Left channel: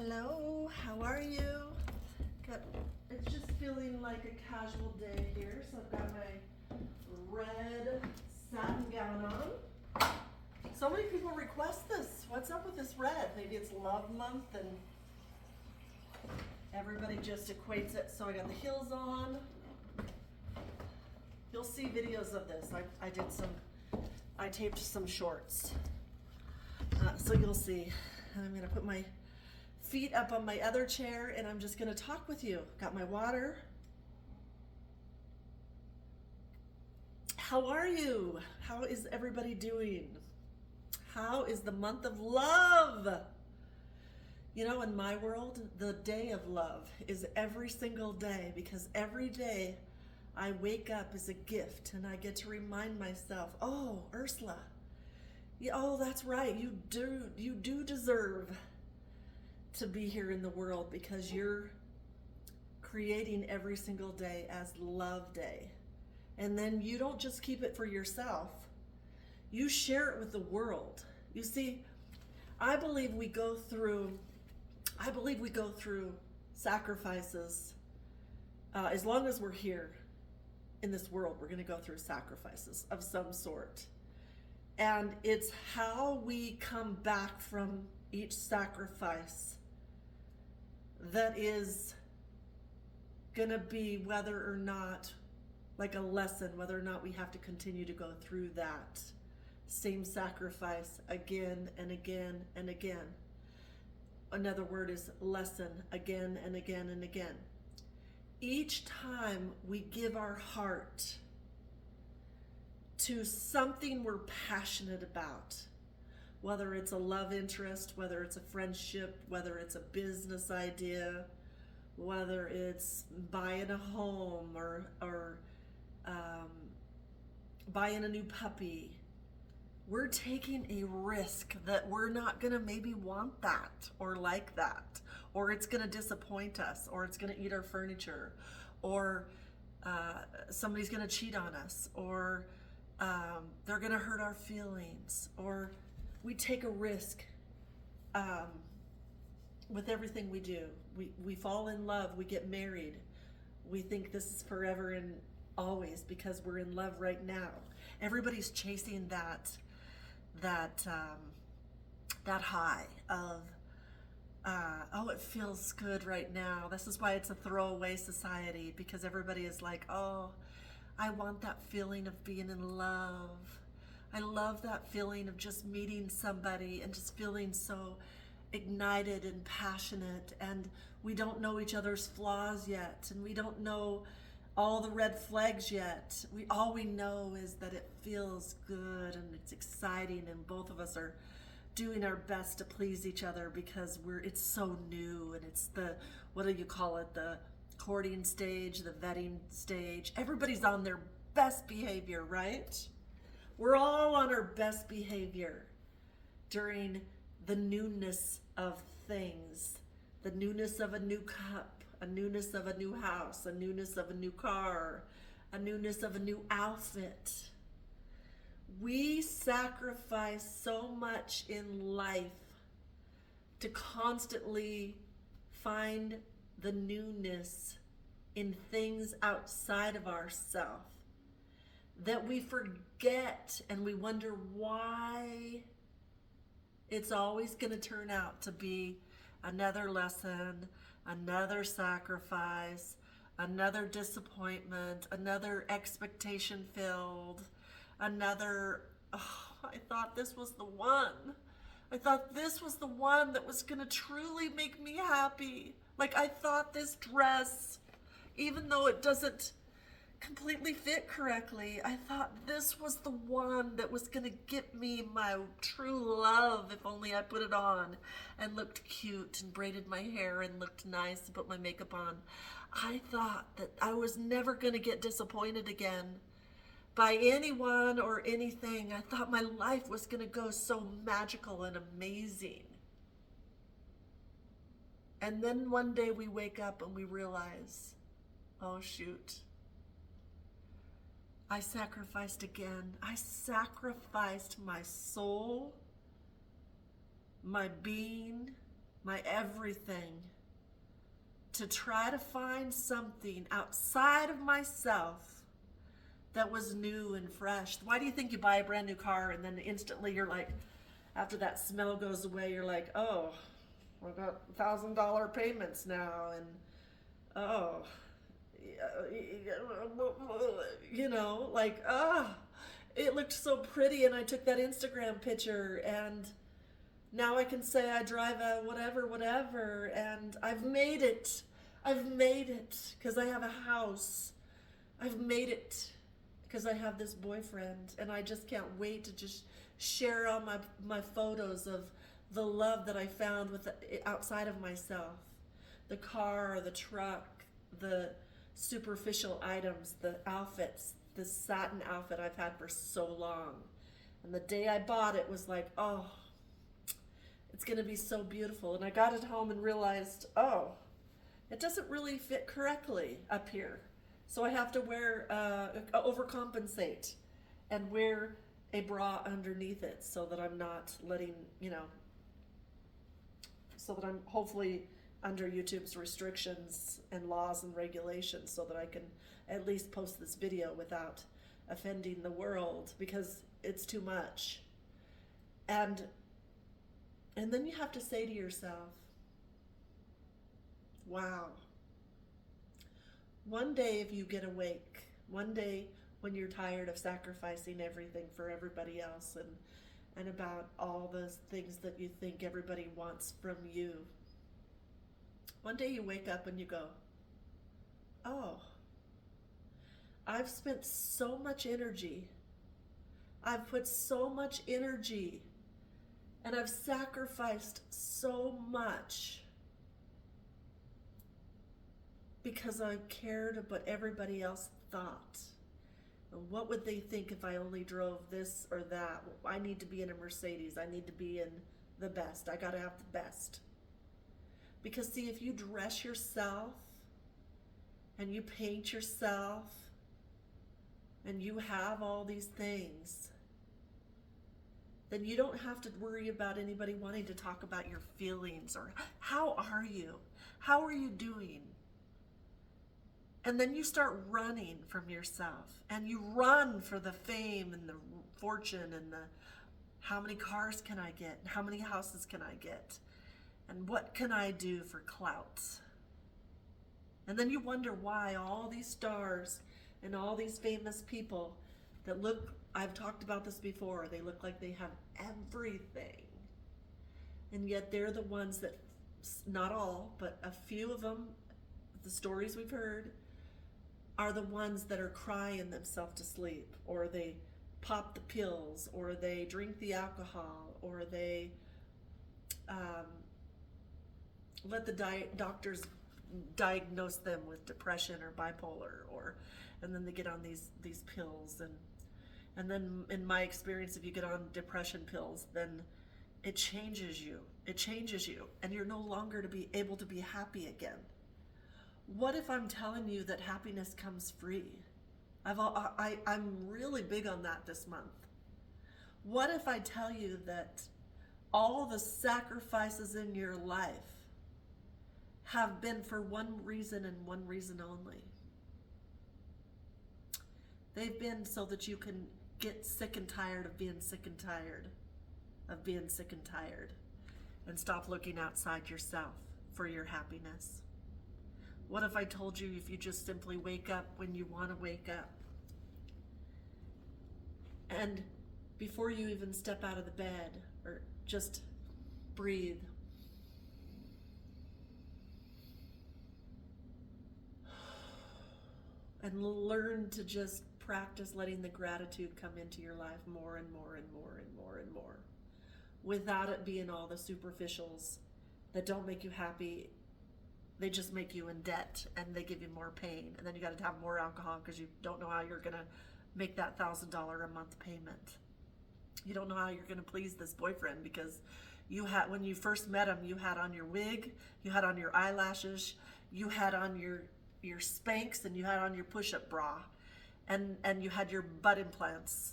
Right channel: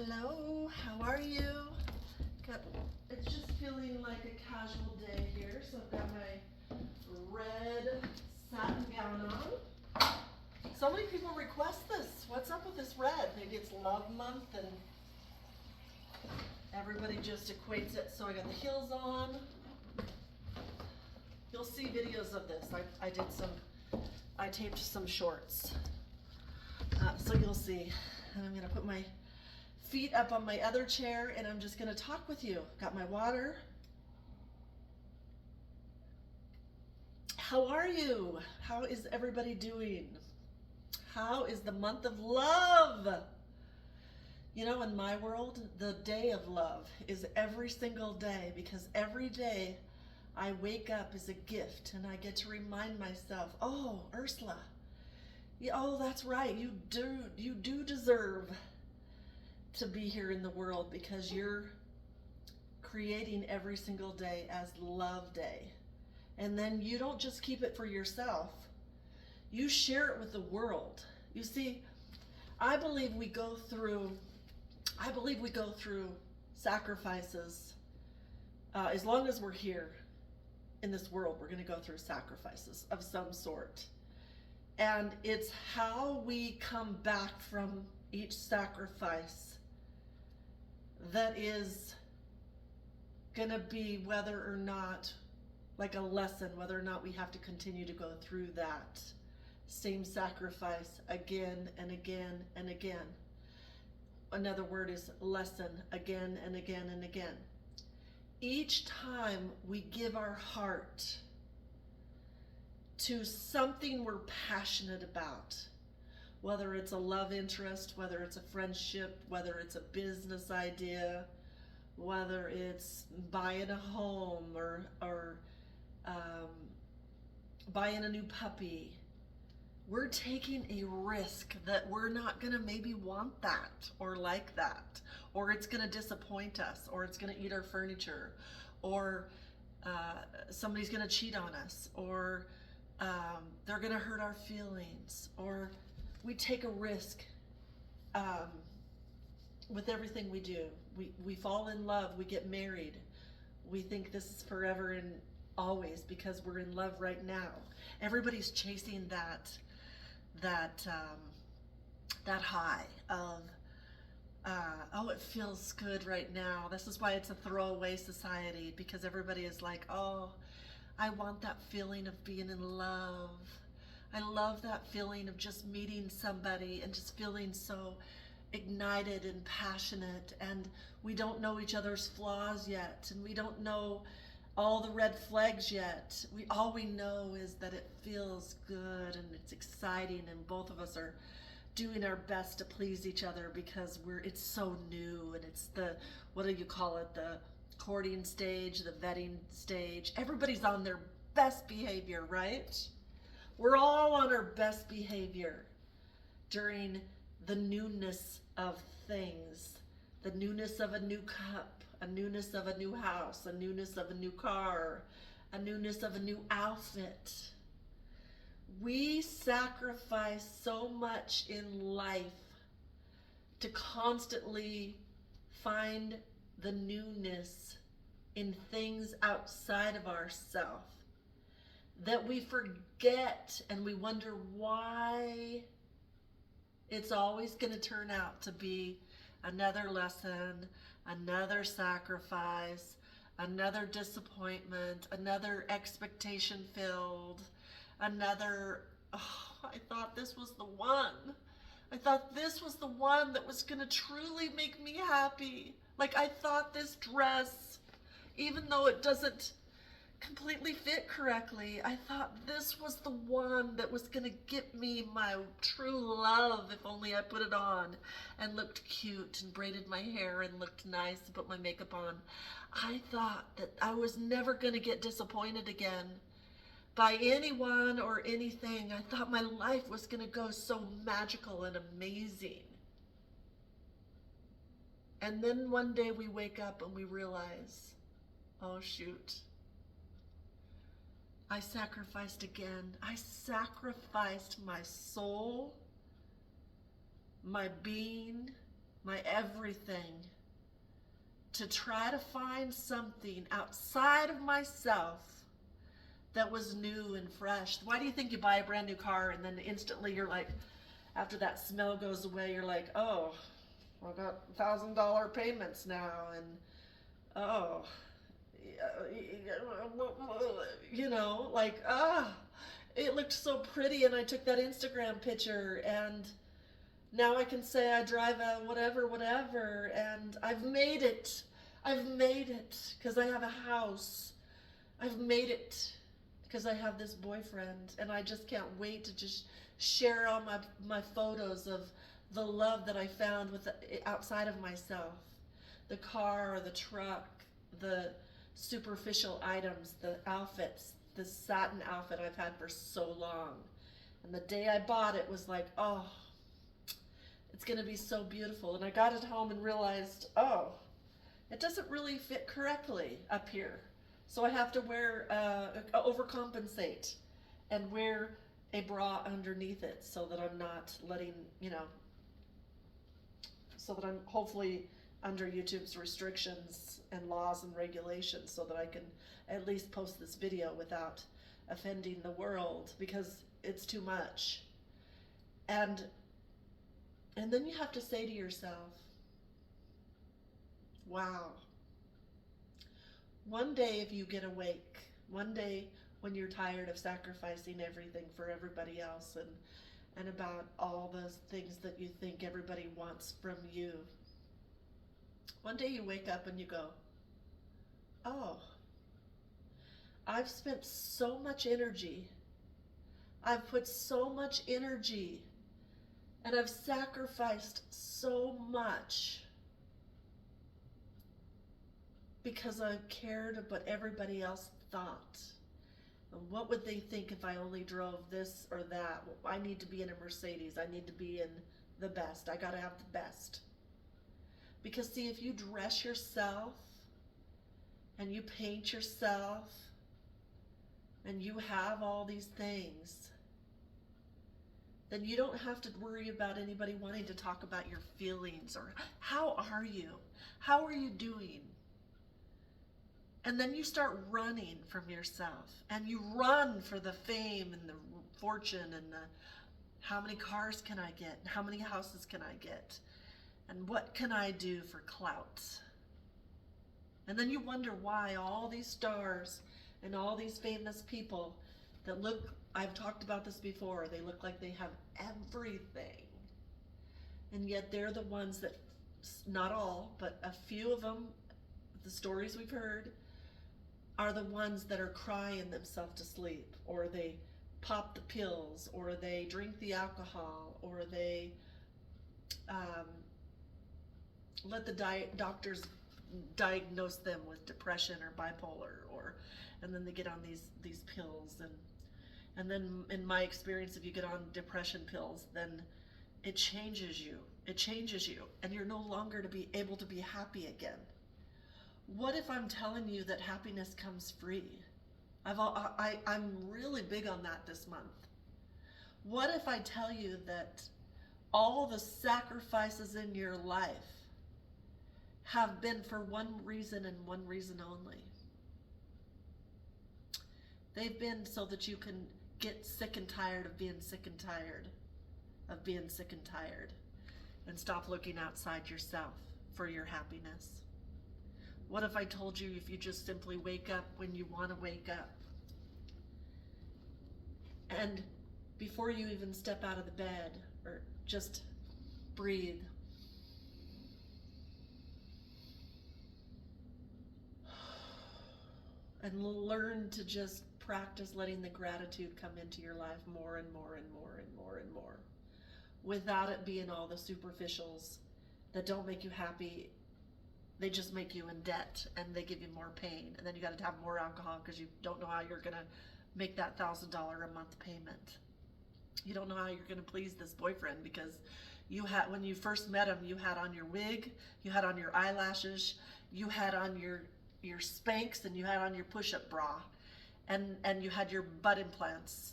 Hello, how are you? It's just feeling like a casual day here, so I've got my red satin gown on. So many people request this. What's up with this red? Maybe it's love month and everybody just equates it. So I got the heels on. You'll see videos of this. I taped some shorts. So you'll see. And I'm gonna put my feet up on my other chair and I'm just gonna talk with you. Got my water. How are you? How is everybody doing? How is the month of love? You know, in my world, the day of love is every single day, because every day I wake up is a gift and I get to remind myself, oh, Ursula, oh, that's right, you do deserve to be here in the world, because you're creating every single day as Love Day. And then you don't just keep it for yourself, you share it with the world. You see, I believe we go through sacrifices. As long as we're here in this world, we're going to go through sacrifices of some sort. And it's how we come back from each sacrifice that is going to be whether or not, like a lesson, whether or not we have to continue to go through that same sacrifice again and again and again. Another word is lesson, again and again and again. Each time we give our heart to something we're passionate about, whether it's a love interest, whether it's a friendship, whether it's a business idea, whether it's buying a home or buying a new puppy, we're taking a risk that we're not gonna maybe want that or like that, or it's gonna disappoint us, or it's gonna eat our furniture, or somebody's gonna cheat on us, or they're gonna hurt our feelings, or we take a risk with everything we do. We fall in love, we get married, we think this is forever and always because we're in love right now. Everybody's chasing that high of oh, it feels good right now. This is why it's a throwaway society, because everybody is like, oh, I want that feeling of being in love. I love that feeling of just meeting somebody and just feeling so ignited and passionate, and we don't know each other's flaws yet, and we don't know all the red flags yet. All we know is that it feels good and it's exciting, and both of us are doing our best to please each other because it's so new, and it's the, what do you call it, the courting stage, the vetting stage. Everybody's on their best behavior, right? We're all on our best behavior during the newness of things, the newness of a new cup, a newness of a new house, a newness of a new car, a newness of a new outfit. We sacrifice so much in life to constantly find the newness in things outside of ourselves, that we forget and we wonder why it's always going to turn out to be another lesson, another sacrifice, another disappointment, another expectation filled, another, oh, I thought this was the one. I thought this was the one that was going to truly make me happy. Like, I thought this dress, even though it doesn't completely fit correctly, I thought this was the one that was gonna get me my true love if only I put it on and looked cute and braided my hair and looked nice and put my makeup on. I thought that I was never gonna get disappointed again by anyone or anything. I thought my life was gonna go so magical and amazing. And then one day we wake up and we realize, oh shoot, I sacrificed again. I sacrificed my soul, my being, my everything, to try to find something outside of myself that was new and fresh. Why do you think you buy a brand new car and then instantly you're like, after that smell goes away, you're like, oh, I got $1,000 payments now, and oh, you know, like, it looked so pretty, and I took that Instagram picture, and now I can say I drive a whatever, and I've made it. I've made it because I have a house. I've made it because I have this boyfriend, and I just can't wait to just share all my photos of the love that I found outside of myself. The car, the truck, the superficial items, the outfits, the satin outfit I've had for so long. And the day I bought it was like, oh, it's gonna be so beautiful. And I got it home and realized, oh, it doesn't really fit correctly up here. So I have to overcompensate and wear a bra underneath it so that I'm not letting, so that I'm hopefully under YouTube's restrictions and laws and regulations, so that I can at least post this video without offending the world, because it's too much. And then you have to say to yourself, wow, one day if you get awake, one day when you're tired of sacrificing everything for everybody else and about all those things that you think everybody wants from you, one day you wake up and you go, oh, I've spent so much energy, I've put so much energy, and I've sacrificed so much because I cared about what everybody else thought. And what would they think if I only drove this or that? I need to be in a Mercedes. I need to be in the best. I gotta have the best. Because see, if you dress yourself and you paint yourself and you have all these things, then you don't have to worry about anybody wanting to talk about your feelings or how are you? How are you doing? And then you start running from yourself, and you run for the fame and the fortune and the how many cars can I get? And how many houses can I get? And what can I do for clout? And then you wonder why all these stars and all these famous people that look, I've talked about this before, they look like they have everything. And yet they're the ones that, not all, but a few of them, the stories we've heard, are the ones that are crying themselves to sleep, or they pop the pills, or they drink the alcohol, or they let the doctors diagnose them with depression or bipolar, and then they get on these pills, and then in my experience, if you get on depression pills, then it changes you. It changes you, and you're no longer to be able to be happy again. What if I'm telling you that happiness comes free? I'm really big on that this month. What if I tell you that all the sacrifices in your life have been for one reason and one reason only? They've been so that you can get sick and tired of being sick and tired of being sick and tired, and stop looking outside yourself for your happiness. What if I told you if you just simply wake up when you want to wake up, and before you even step out of the bed, or just breathe, and learn to just practice letting the gratitude come into your life more and more and more and more and more, without it being all the superficials that don't make you happy. They just make you in debt, and they give you more pain, and then you got to have more alcohol because you don't know how you're gonna make that $1,000 a month payment. You don't know how you're gonna please this boyfriend because when you first met him, you had on your wig, you had on your eyelashes, you had on your Spanx, and you had on your push-up bra, and you had your butt implants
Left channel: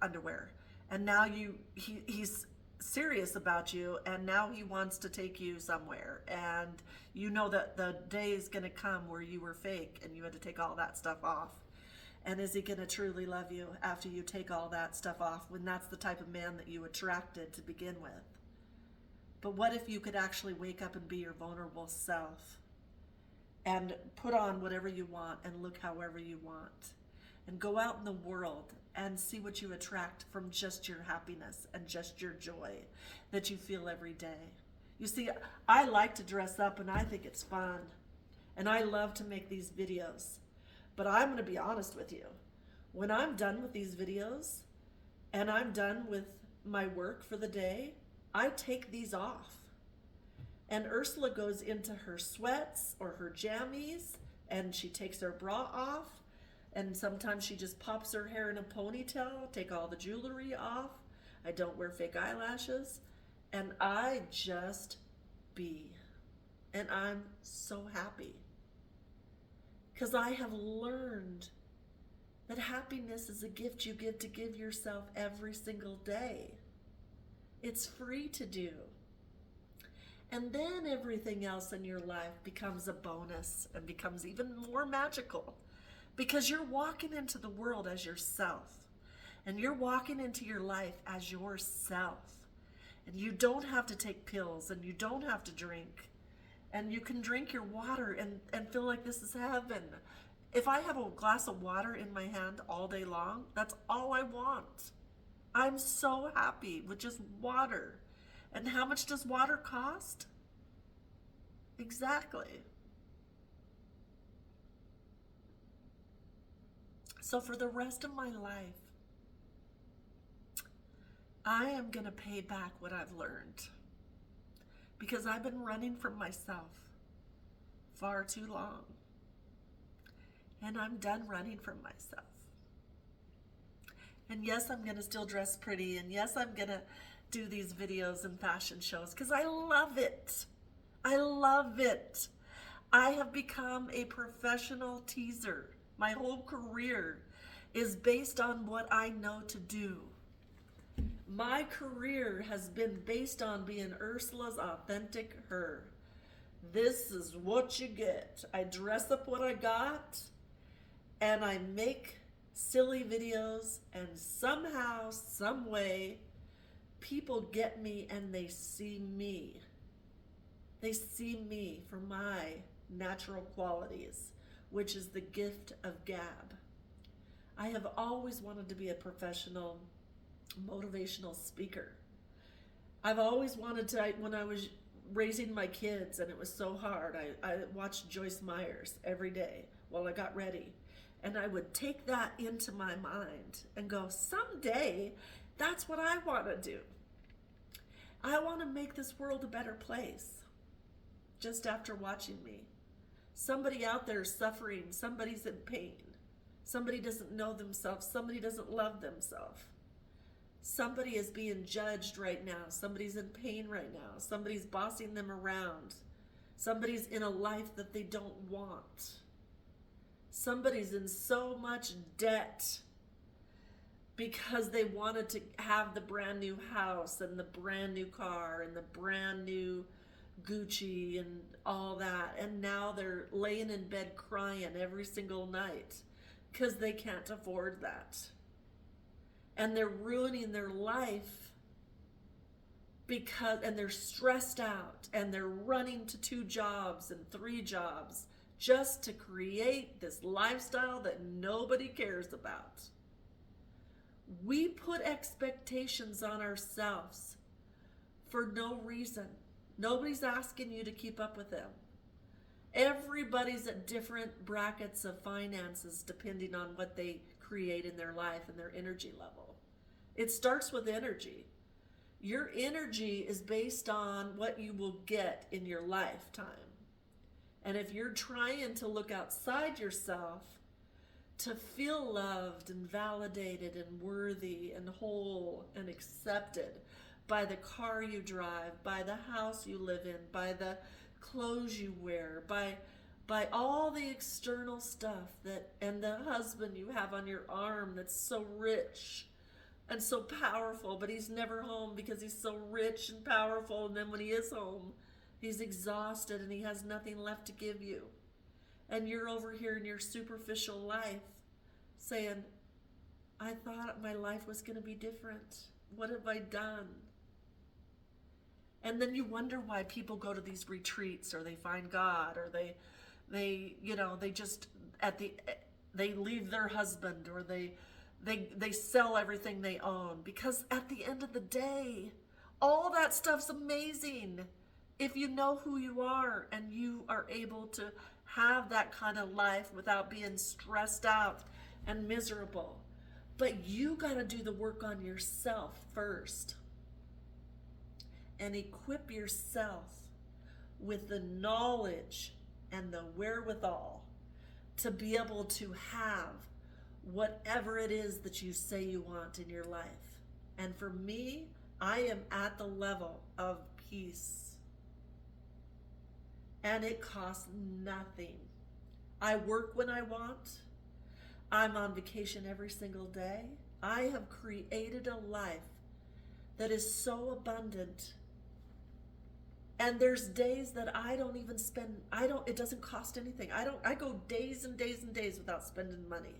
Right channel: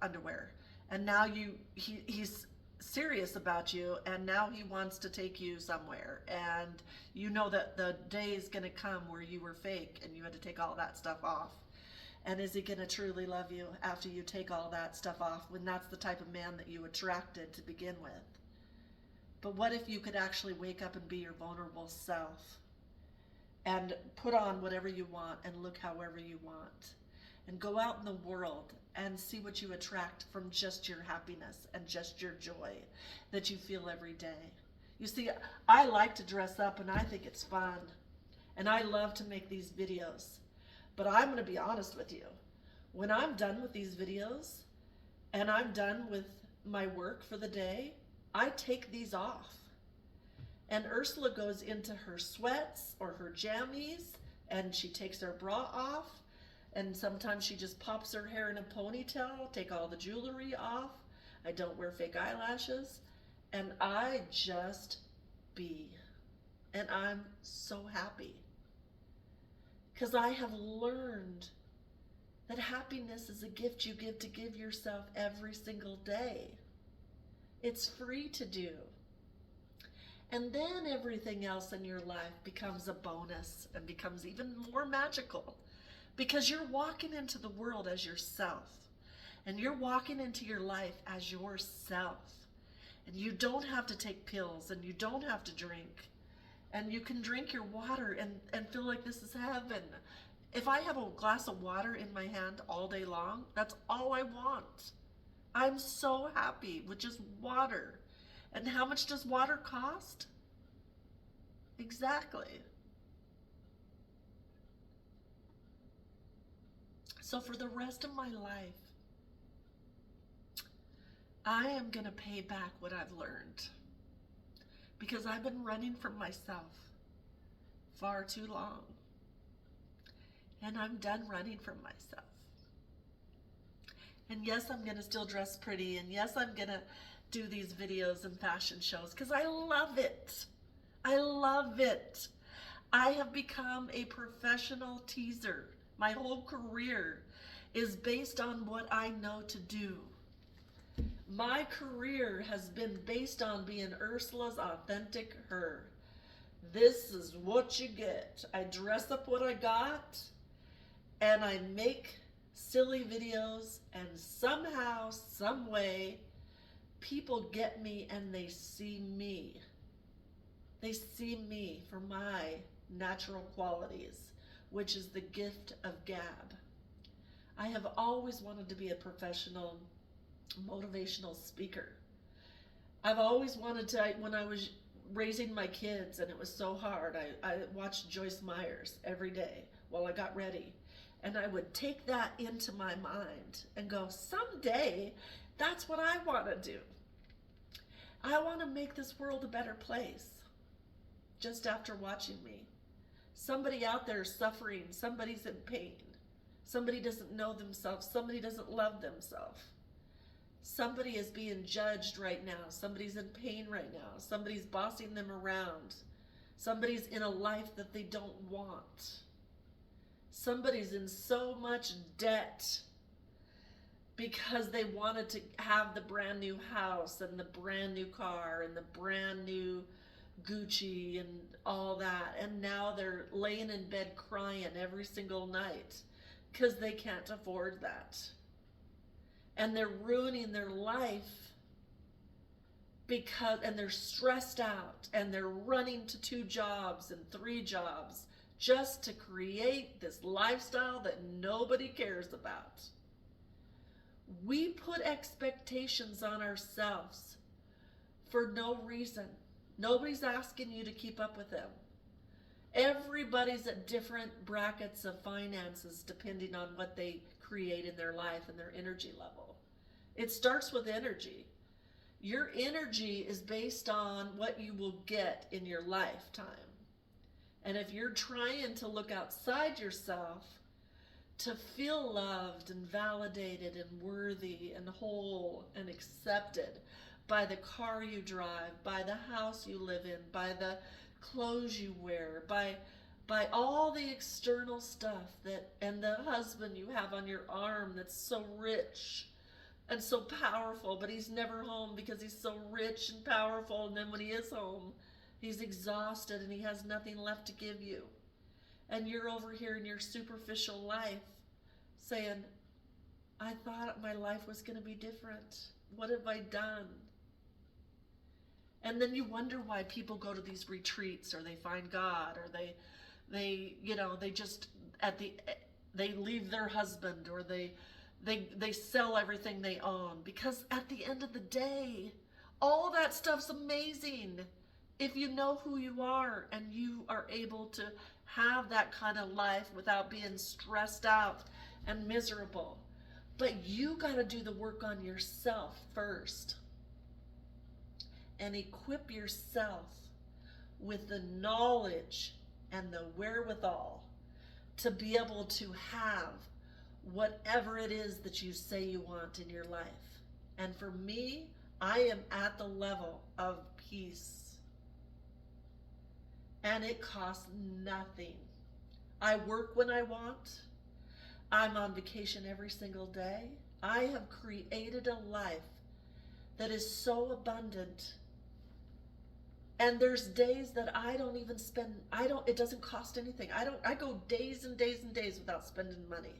underwear, and now he's serious about you, and now he wants to take you somewhere, and you know that the day is going to come where you were fake and you had to take all that stuff off. And is he going to truly love you after you take all that stuff off, when that's the type of man that you attracted to begin with? But what if you could actually wake up and be your vulnerable self and put on whatever you want and look however you want, and go out in the world and see what you attract from just your happiness and just your joy that you feel every day? You see, I like to dress up and I think it's fun, and I love to make these videos. But I'm going to be honest with you. When I'm done with these videos and I'm done with my work for the day, I take these off. And Ursula goes into her sweats or her jammies, and she takes her bra off. And sometimes she just pops her hair in a ponytail, take all the jewelry off. I don't wear fake eyelashes. And I just be. And I'm so happy. Because I have learned that happiness is a gift you give to give yourself every single day. It's free to do. And then everything else in your life becomes a bonus and becomes even more magical, because you're walking into the world as yourself, and you're walking into your life as yourself. And you don't have to take pills, and you don't have to drink. And you can drink your water and feel like this is heaven. If I have a glass of water in my hand all day long, that's all I want. I'm so happy with just water. And how much does water cost? Exactly. So for the rest of my life, I am going to pay back what I've learned. Because I've been running from myself far too long. And I'm done running from myself. And yes, I'm going to still dress pretty. And yes, I'm going to do these videos and fashion shows because I love it. I love it. I have become a professional teaser. My whole career is based on what I know to do. My career has been based on being Ursula's authentic her. This is what you get. I dress up what I got, and I make silly videos, and somehow, some way, people get me and they see me. They see me for my natural qualities, which is the gift of gab. I have always wanted to be a professional motivational speaker. I've always wanted to, when I was raising my kids and it was so hard, I watched Joyce Myers every day while I got ready. And I would take that into my mind and go, someday, that's what I want to do. I want to make this world a better place. Just after watching me. Somebody out there is suffering. Somebody's in pain. Somebody doesn't know themselves. Somebody doesn't love themselves. Somebody is being judged right now. Somebody's in pain right now. Somebody's bossing them around. Somebody's in a life that they don't want. Somebody's in so much debt because they wanted to have the brand new house and the brand new car and the brand new Gucci and all that. And now they're laying in bed crying every single night because they can't afford that. And they're ruining their life and they're stressed out and they're running to 2 jobs and 3 jobs just to create this lifestyle that nobody cares about. We put expectations on ourselves for no reason. Nobody's asking you to keep up with them. Everybody's at different brackets of finances depending on what they create in their life and their energy level. It starts with energy. Your energy is based on what you will get in your lifetime. And if you're trying to look outside yourself to feel loved and validated and worthy and whole and accepted by the car you drive, by the house you live in, by the clothes you wear, by all the external stuff and the husband you have on your arm that's so rich, and so powerful, but he's never home because he's so rich and powerful. And then when he is home, he's exhausted and he has nothing left to give you. And you're over here in your superficial life saying, I thought my life was going to be different. What have I done? And then you wonder why people go to these retreats, or they find God, or they just they leave their husband, or they sell everything they own, because at the end of the day, all that stuff's amazing if you know who you are and you are able to have that kind of life without being stressed out and miserable. But you got to do the work on yourself first and equip yourself with the knowledge and the wherewithal to be able to have whatever it is that you say you want in your life. And for me, I am at the level of peace. And it costs nothing. I work when I want. I'm on vacation every single day. I have created a life that is so abundant. And there's days that I don't even spend, it doesn't cost anything. I go days and days and days without spending money.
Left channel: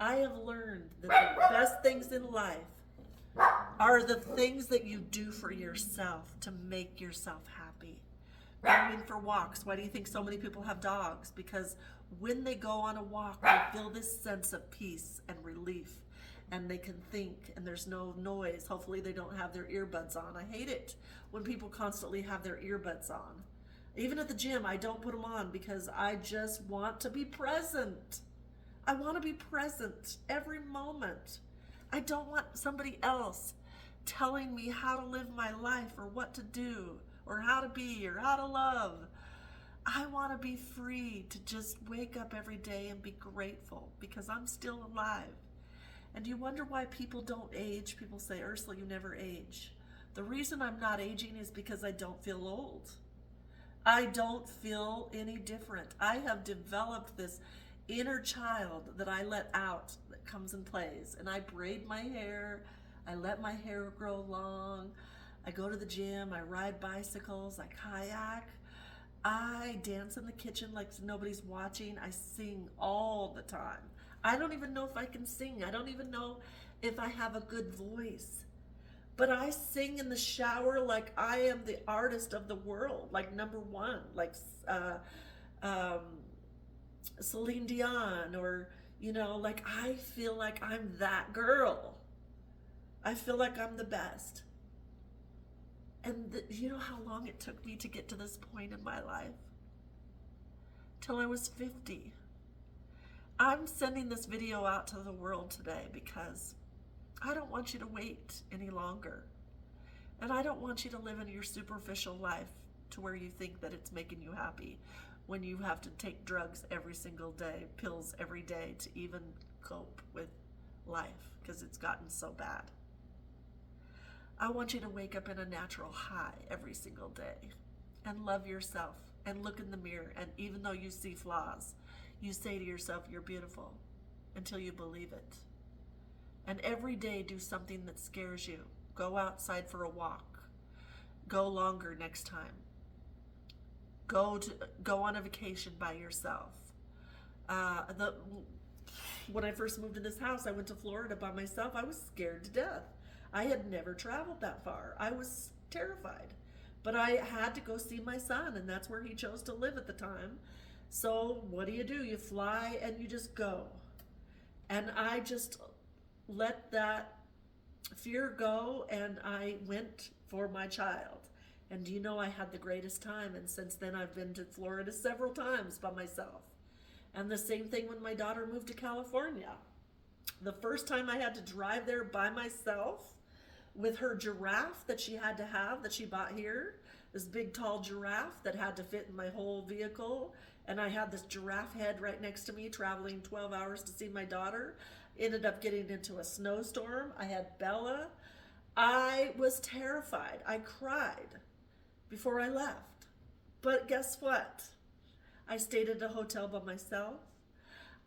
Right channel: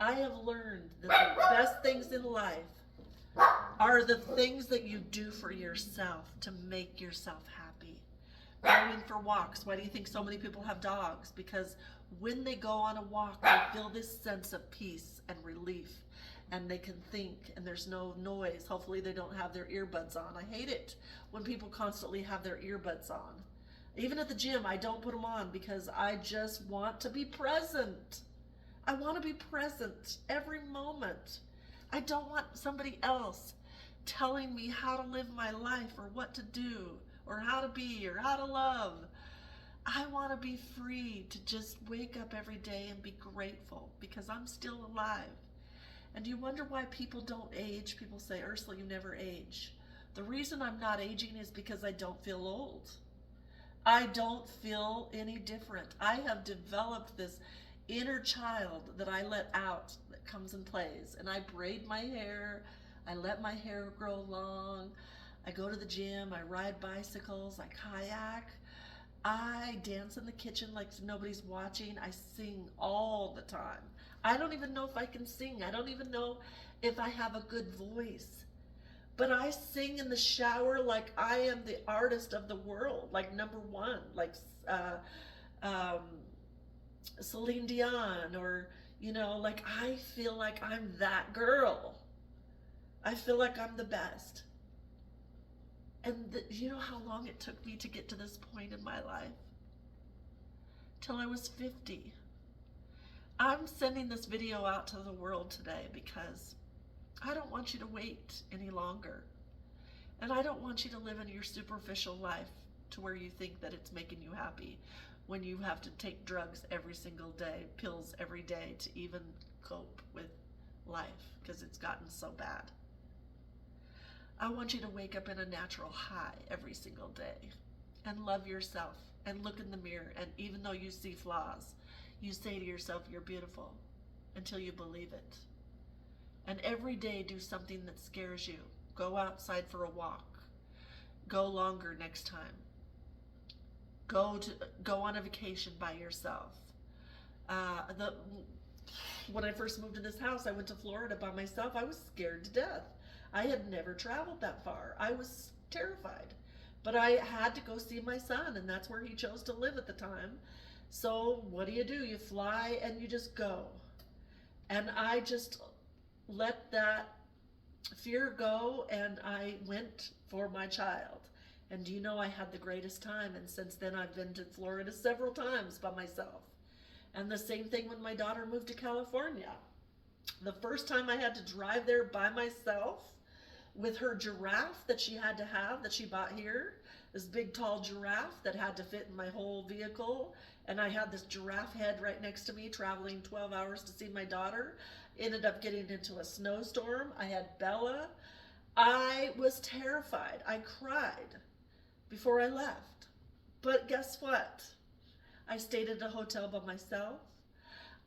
I have learned that the best things in life are the things that you do for yourself to make yourself happy. Going for walks. Why do you think so many people have dogs? Because when they go on a walk, they feel this sense of peace and relief, and they can think, and there's no noise. Hopefully they don't have their earbuds on. I hate it when people constantly have their earbuds on. Even at the gym, I don't put them on because I just want to be present. I want to be present every moment. I don't want somebody else telling me how to live my life, or what to do, or how to be, or how to love. I want to be free to just wake up every day and be grateful because I'm still alive. And you wonder why people don't age. People say, Ursula, you never age. The reason I'm not aging is because I don't feel old. I don't feel any different. I have developed this inner child that I let out, that comes and plays. And I braid my hair. I let my hair grow long. I go to the gym. I ride bicycles. I kayak. I dance in the kitchen like nobody's watching. I sing all the time. I don't even know if I can sing. I don't even know if I have a good voice. But I sing in the shower like I am the artist of the world, like number one, like Celine Dion, or, like I feel like I'm that girl. I feel like I'm the best. And you know how long it took me to get to this point in my life? Till I was 50. I'm sending this video out to the world today because I don't want you to wait any longer. And I don't want you to live in your superficial life to where you think that it's making you happy when you have to take drugs every single day, pills every day to even cope with life because it's gotten so bad. I want you to wake up in a natural high every single day and love yourself and look in the mirror, and even though you see flaws, you say to yourself, you're beautiful, until you believe it. And every day do something that scares you. Go outside for a walk. Go longer next time. Go on a vacation by yourself. When I first moved to this house, I went to Florida by myself. I was scared to death. I had never traveled that far. I was terrified. But I had to go see my son, and that's where he chose to live at the time. So what do? You fly and you just go. And I just let that fear go, and I went for my child. And do you know, I had the greatest time, and since then I've been to Florida several times by myself. And the same thing when my daughter moved to California. The first time I had to drive there by myself with her giraffe that she had to have, that she bought here, this big tall giraffe that had to fit in my whole vehicle. And I had this giraffe head right next to me, traveling 12 hours to see my daughter. Ended up getting into a snowstorm. I had Bella. I was terrified. I cried before I left. But guess what? I stayed at a hotel by myself.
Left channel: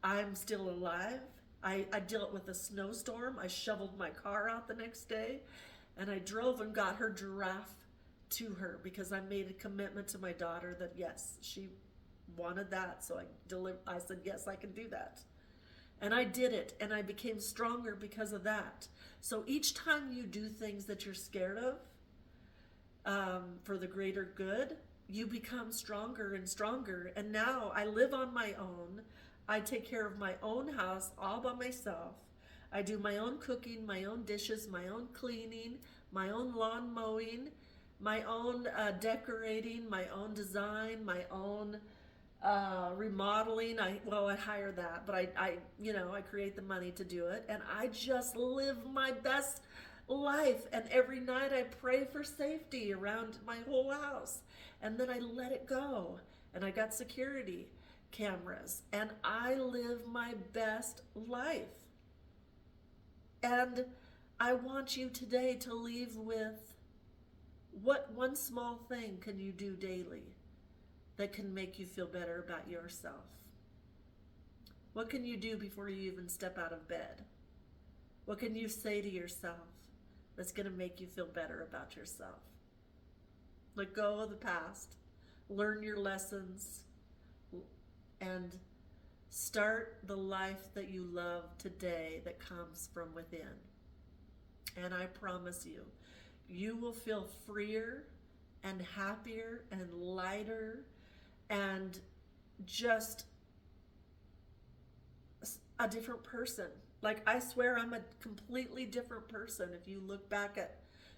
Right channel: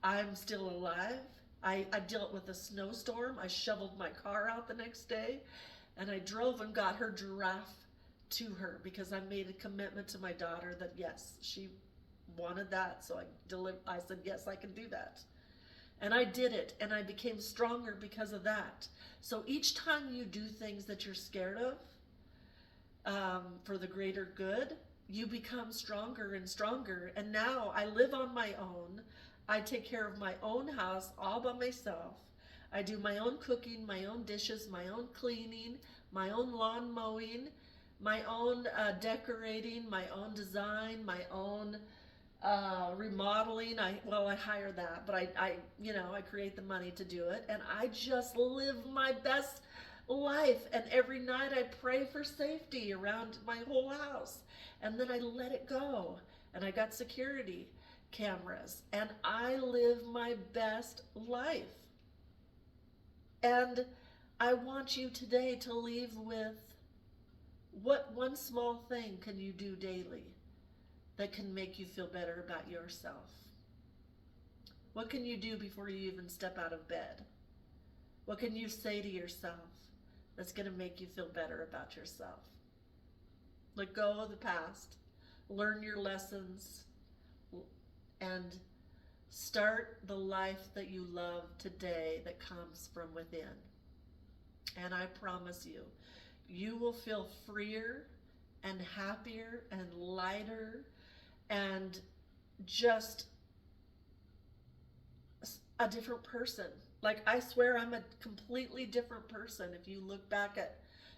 I'm still alive. I dealt with a snowstorm. I shoveled my car out the next day, and I drove and got her giraffe to her because I made a commitment to my daughter that yes, she wanted that. So I said, yes, I can do that. And I did it, and I became stronger because of that. So each time you do things that you're scared of, for the greater good, you become stronger and stronger. And now I live on my own. I take care of my own house all by myself. I do my own cooking, my own dishes, my own cleaning, my own lawn mowing, my own decorating, my own design, my own remodeling. I hire that, but I create the money to do it, and I just live my best life. And every night I pray for safety around my whole house, and then I let it go, and I got security cameras, and I live my best life. And I want you today to leave with, what one small thing can you do daily that can make you feel better about yourself? What can you do before you even step out of bed? What can you say to yourself that's going to make you feel better about yourself? Let go of the past, learn your lessons, and start the life that you love today that comes from within. And I promise you, you will feel freer and happier and lighter and just a different person. Like, I swear I'm a completely different person. If you look back at,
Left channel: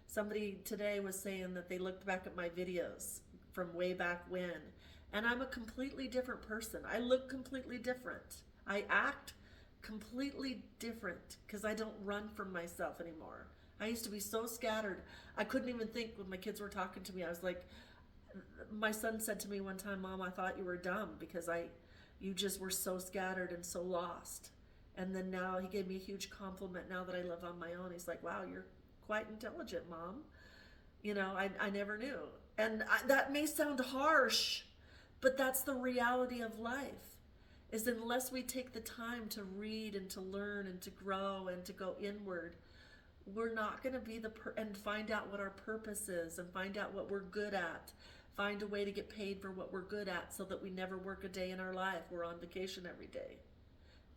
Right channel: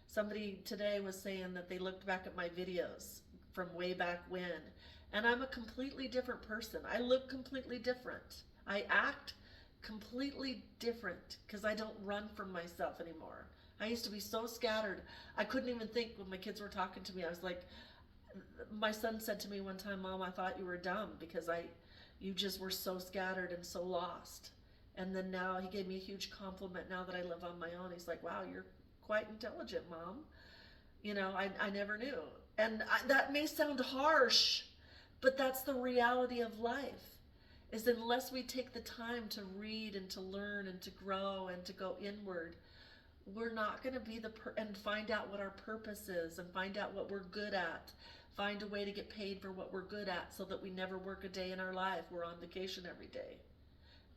somebody today was saying that they looked back at my videos from way back when, and I'm a completely different person. I look completely different. I act completely different because I don't run from myself anymore. I used to be so scattered. I couldn't even think when my kids were talking to me. I was like, my son said to me one time, Mom, I thought you were dumb because you just were so scattered and so lost. And then now he gave me a huge compliment now that I live on my own. He's like, wow, you're quite intelligent, Mom. I never knew. And that may sound harsh, but that's the reality of life, is unless we take the time to read and to learn and to grow and to go inward, we're not going to be and find out what our purpose is and find out what we're good at. Find a way to get paid for what we're good at so that we never work a day in our life. We're on vacation every day.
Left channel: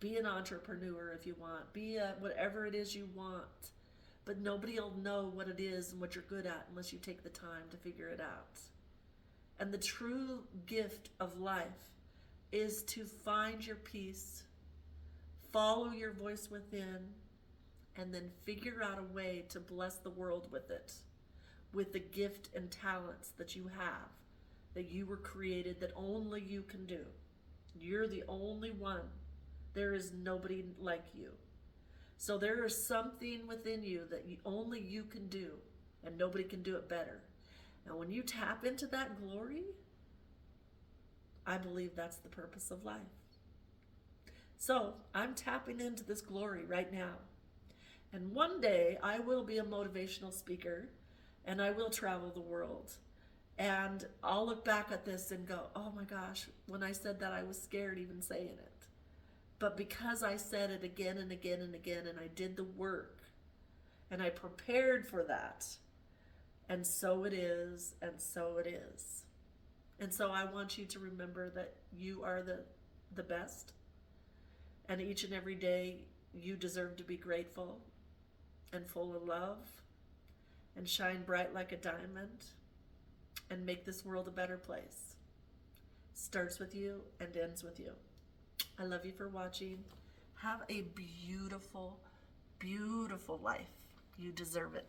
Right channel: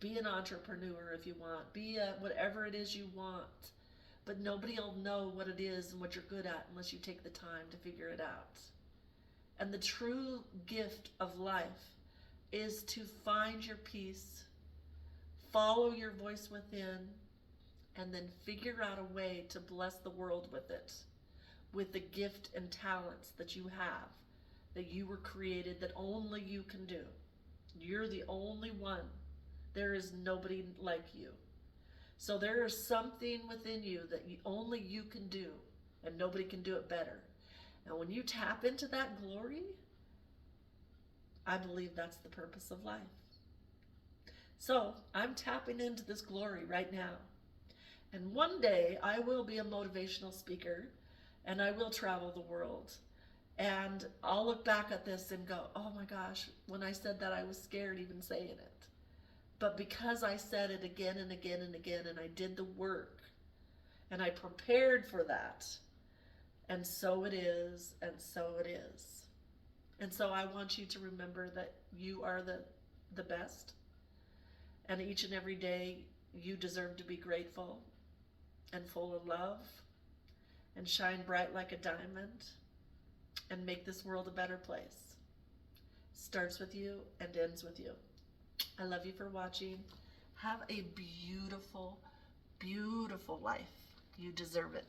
Be an entrepreneur if you want. Be whatever it is you want. But nobody will know what it is and what you're good at unless you take the time to figure it out. And the true gift of life is to find your peace, follow your voice within, and then figure out a way to bless the world with it, with the gift and talents that you have, that you were created, that only you can do. You're the only one. There is nobody like you. So there is something within you that only you can do, and nobody can do it better. And when you tap into that glory, I believe that's the purpose of life. So I'm tapping into this glory right now. And one day I will be a motivational speaker, and I will travel the world. And I'll look back at this and go, oh my gosh, when I said that I was scared even saying it. But because I said it again and again and again, and I did the work, and I prepared for that, and so it is, and so it is. And so I want you to remember that you are the best, and each and every day you deserve to be grateful and full of love and shine bright like a diamond and make this world a better place. Starts with you and ends with you. I love you for watching. Have a beautiful, beautiful life. You deserve it.